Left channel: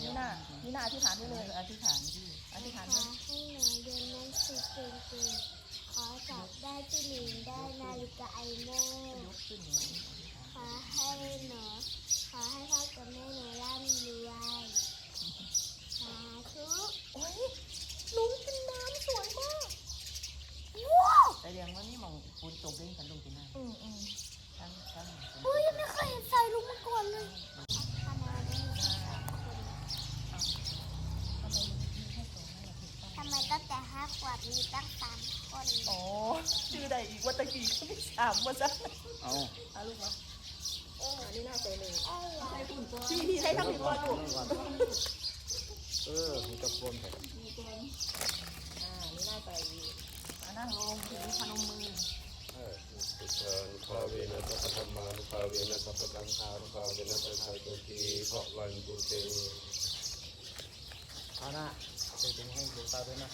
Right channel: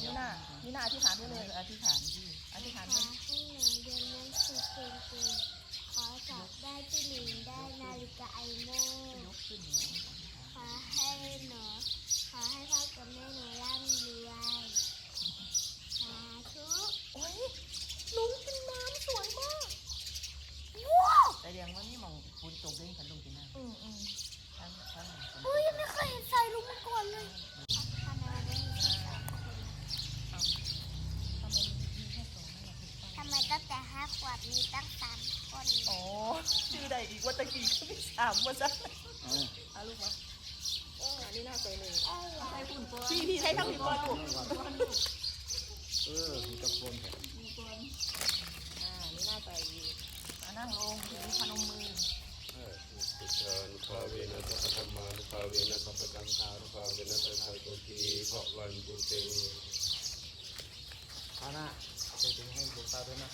นี่นาอธิษฐานได้เลยอธิษฐานที่อธิษฐานขอให้หนูเรียนหนังสือเก่งๆขอจับได้ที่หนึ่งได้นาฬิกาไอโม่ยกขึ้นอย่างนี้อธิษฐาน ขอให้หนูขอให้พ่อกับแม่หนูร่ำรวยสาธุ โอ้ยลุงกินน้ำสวยมาก แต่เรียงว่านี่มองปูนตกเล่นขันลงกินน้ อืมอืมำทั้งทั้ง เฮ้ยไม่เคยเห็นใส่ลุงมาก่อนเลยทำไมวันนี้มีแค่สองคน ทำไมมีแค่สองนั่นแหละถูกต้อง ทำไมตั้งแต่ห้าขวบ มีตั้งสามคนอ๋อชื่อใดอีกว่าตะกี้ก็ไม่ถามว่าซะเอาเอาลูกมาอ๋อนี่น่าใส่หนึ่งเอ้ยพี่พี่ให้ทั้งพี่บอลลูกเออมีตะโกนแบบอ่านี่น่าใส่อีกมานั่งลงถือพนมมือเออสุชานุภาเวนะสัพพธรรมานุภาเวนะสัพพสังฆานุภาเวนะสัพพะโตทีเพราะวันตุเตอานะใส่ถุงให้หลวงตาด้วยนะ